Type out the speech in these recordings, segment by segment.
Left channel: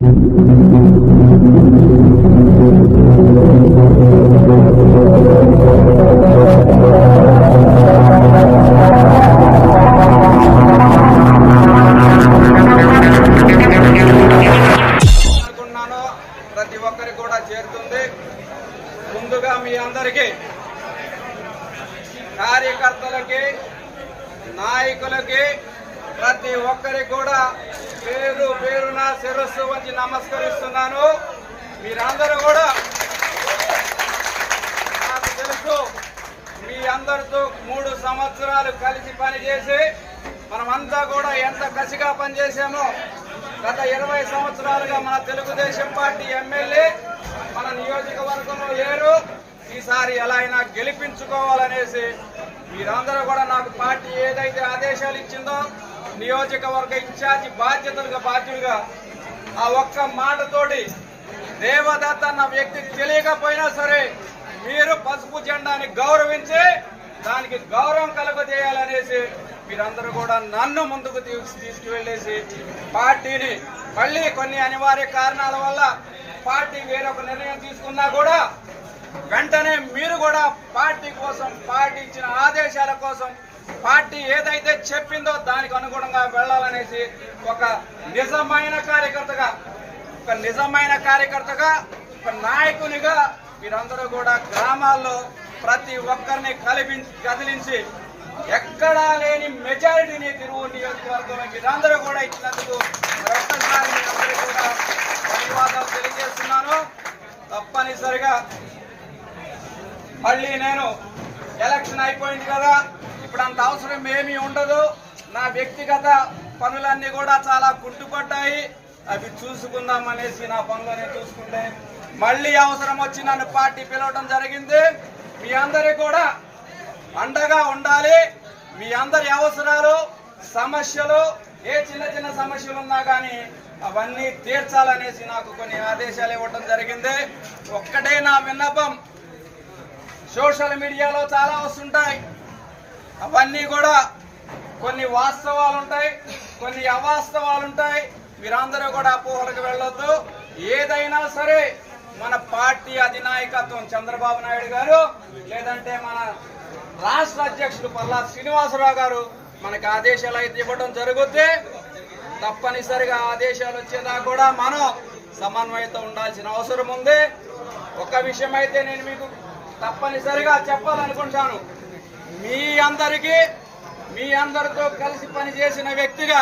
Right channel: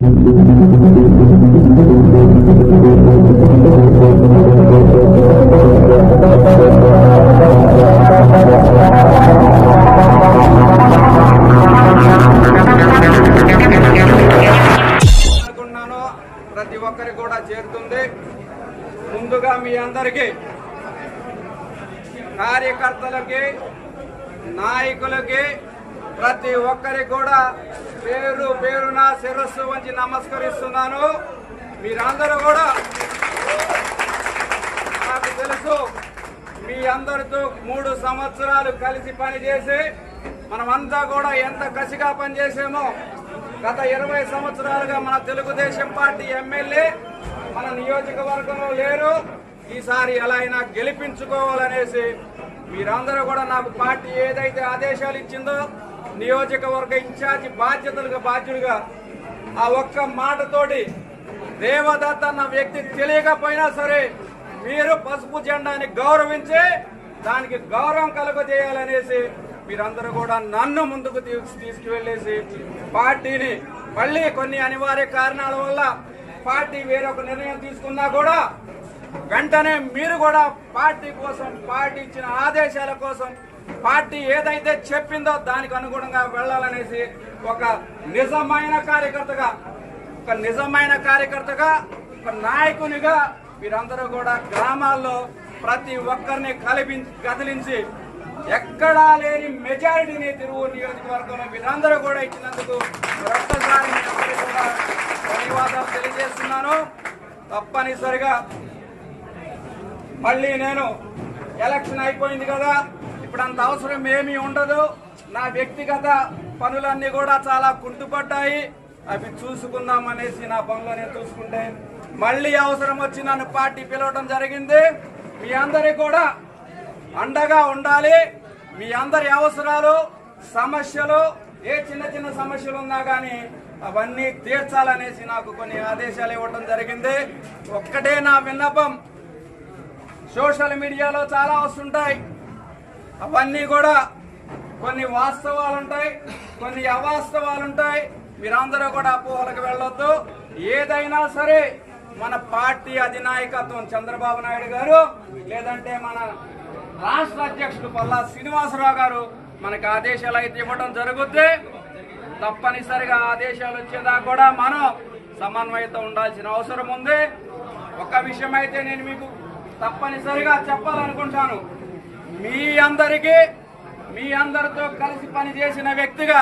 ప్రతి ఒక్కరికి కూడా చేరుతుంది. ముందుగా మీ అందరికీ, కార్యకర్తలకి, నాయకులకి, ప్రతి ఒక్కరికి కూడా పేరు పేరున శిరస్సు వంచి నమస్కరిస్తున్నాను. మీరందరూ కూడా, నాకు తెలుసు, మీ అందరితో 3 సంవత్సరాలు కలిసి పనిచేసి మనమంతా కూడా ఎంత కసిగా పనిచేసామో. గత 20 సంవత్సరాలుగా మన తెలుగుదేశం పార్టీ ఎమ్మెల్యే మన నియోజకవర్గంలో లేరు. ఈసారి ఎలా అయినా గెలిపించుకోవాలనేసి మీరందరూ కూడా నాకు పార్టీ ఏదైతే ఆదేశాలు ఇచ్చిందో, నియోజకవర్గ ఇన్ఛార్జి బాధ్యుడిగా ఆ ఒక్క మాటతోటి దేవదత్త అన్న వ్యక్తి తెలియకపోయినా సరే మీరు పసుపు జెండాని గౌరవించి దానికి గౌరవం కలుగజేయాలనేసి మీరందరూ కూడా నన్ను ముందుకు తీసుకువెళ్ళేసి పార్టీని మళ్ళీ కొన్ని అనివార్య కారణాల వల్ల పార్టీ వేరొక నిర్ణయం తీసుకున్నా కూడా వెంటనే మీరు కూడా పార్టీ కోసం, పార్టీ ఇచ్చిన ఆదేశాల కోసం, పార్టీ ఏదైతే చెప్పిందో దానికి అనుగుణంగా వెళ్ళాలనేసి ఒక నిజమైన కార్యకర్తగా ఒక నాయకునిగా మీరందరూ కూడా గ్రామాల్లో ప్రతి ఒక్కరిని కదిలించి ఎక్కడా లేని మెజారిటీని తిరువూరు నియోజకవర్గంలో మీరందరూ కూడా ఇచ్చినందుకు మరొక్కసారి మీరందరూ కూడా ధన్యవాదాలు తెలియజేస్తున్నాను. తప్పనిసరిగా మళ్ళీ నేను ఎలక్షన్ అయిపోయింది కదా, ఇప్పుడు అంత అవసరం ఏమీ ఉండదు. నా వ్యక్తిగత పనులన్నీ కూడా చాలా కుంటుపడ్డాయి. అవి చూసుకుందాం అనేసి నా పనులనే చూసుకుంటే మళ్ళీ అవసరం వచ్చి నన్ను పార్టీ పిలవడం జరిగింది. మీ అందరికీ కూడా అండగా ఉండాలి. మీ అందరి అవసరాలు, సమస్యలు, ఏ చిన్న సమస్యలు ఉన్నా కానీ అవన్నీ తీర్చాలనేసి నాకు కొన్ని ఆదేశాలు ఇవ్వడం జరిగింది. ఒక్కటే నా విన్నపం, సోషల్ మీడియాలో చాలా వస్తుంటాయి, అవన్నీ కూడా కొన్ని వాస్తవాలు ఉంటాయి, కొన్ని అవాస్తవాలు ఉంటాయి. మీరందరూ కూడా అపోహలకు వెళ్ళొద్దు. ఏదైనా సరే మన పార్టీ అధినాయకత్వం చంద్రబాబు నాయుడు గారు, లేదంటే మన రాష్ట్ర అధ్యక్షుడు పల్లా శ్రీనివాసరావు గారు మనకు ఆదేశాలు అయితే ఇవ్వడం జరుగుద్ది. తప్పనిసరిగా ఆదేశాలు వచ్చేదాకా కూడా మనం సమన్వయంతో ఉండాల్సిన అవసరం ఉంది. ఒక విషయం అయితే నేను మీకు తప్పనిసరిగా చెప్పాలనుకుంటాను. మీ అందరితో కలిసి పనిచేసిన వ్యక్తిగా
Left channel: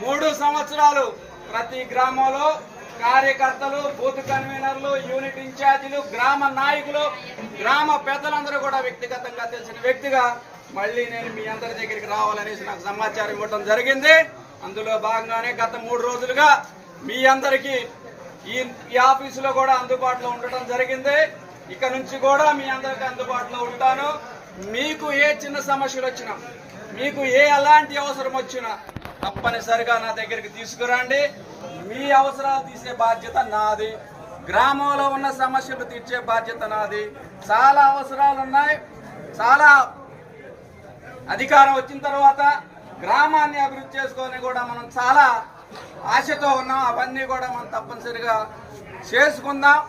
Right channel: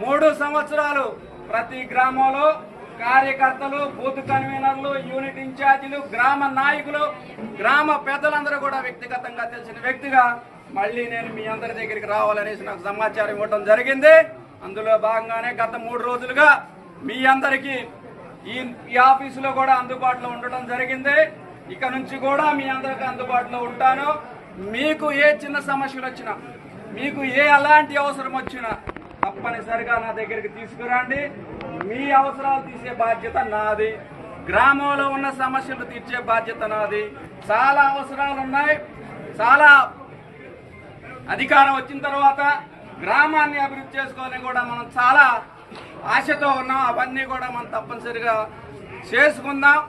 3 సంవత్సరాలు ప్రతి గ్రామంలో కార్యకర్తలు, బూత్ కన్వీనర్లు, యూనిట్ ఇన్ఛార్జీలు, గ్రామ నాయకులు, గ్రామ పెద్దలందరూ కూడా వ్యక్తిగతంగా తెలిసిన వ్యక్తిగా మళ్ళీ నేను మీ అందరి దగ్గరికి రావాలనేసి నాకు సమాచారం ఇవ్వడం జరిగింది. అందులో భాగంగానే గత 3 రోజులుగా మీ అందరికీ ఈ ఆఫీసులో కూడా అందుబాటులో ఉండటం జరిగింది. ఇక నుంచి కూడా మీ అందరికీ అందుబాటులో ఉంటాను. మీకు ఏ చిన్న సమస్యలు వచ్చినా, మీకు ఎలాంటి అవసరం వచ్చినా తప్పనిసరిగా నా దగ్గరికి తీసుకురండి. మీ అవసరాలు తీసే బాధ్యత నాది. గ్రామంలో ఉన్న సమస్యలు తీర్చే బాధ్యత నాది. చాలా అవసరాలు ఉన్నాయి. చాలా అధికారం వచ్చిన తర్వాత గ్రామాన్ని అభివృద్ధి చేసుకోవాలని కూడా మనం చాలా ఆశతో ఉన్నాం. అవన్నీ కూడా మనం తప్పనిసరిగా చేసుకుందాం.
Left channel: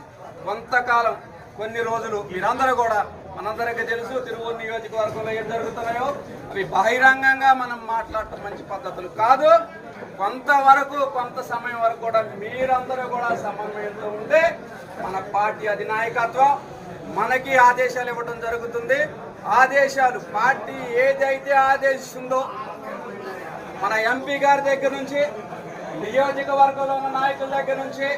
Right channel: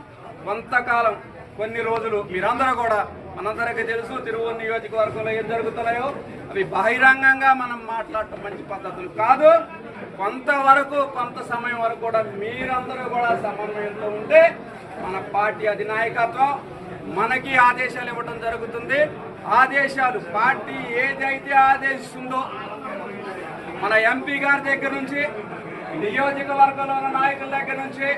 కొంతకాలం, కొన్ని రోజులు మీరందరూ కూడా, మనందరికీ తెలుసు తిరువూరు నియోజకవర్గంలో ఏం జరుగుతున్నాయో అవి బహిరంగంగా మనం మాట్లాడటం మంచి పద్ధతులు కాదు. కొంత సమయం వరకు కూడా మీరందరూ కూడా సమన్వయంతో ఉంటే మన పార్టీ అధినాయకత్వం మనకి ఆదేశాలు ఇవ్వడం జరుగుతుంది. ఆదేశాలు పార్టీ ఏదైతే ఆదేశిస్తుందో, మన ఎంపీ గారి దగ్గర నుంచి, నియోజకవర్గంలో ఉన్న నాయకుల దగ్గర నుంచి,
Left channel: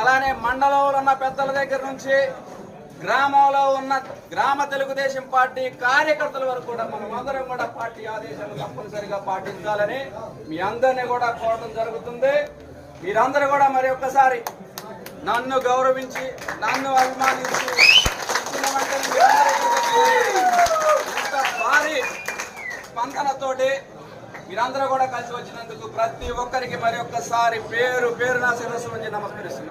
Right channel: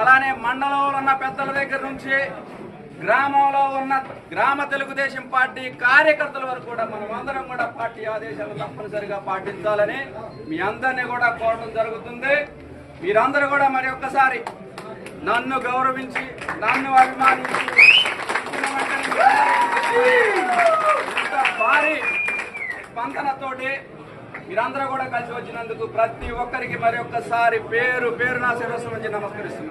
అలానే మండలంలో ఉన్న పెద్దల దగ్గర నుంచి, గ్రామంలో ఉన్న గ్రామ తెలుగుదేశం పార్టీ కార్యకర్తల వరకు కూడా మనం అందరం కూడా పార్టీ ఆదేశాలను తప్పనిసరిగా పాటించాలని మీ అందరినీ కూడా కోరడం జరుగుతుంది. మీరందరూ కూడా మరి ఒక్కసారి నన్ను గౌరవించి, నన్ను అభిమానించి ఇంత భారీ స్పందనతోటి మీరందరూ కూడా కలిసి వచ్చినందుకు ప్రతి ఒక్కరికి మరి ఒక్కసారి పేరు పేరున శిరస్సు నుంచి నమస్కరిస్తున్నాను.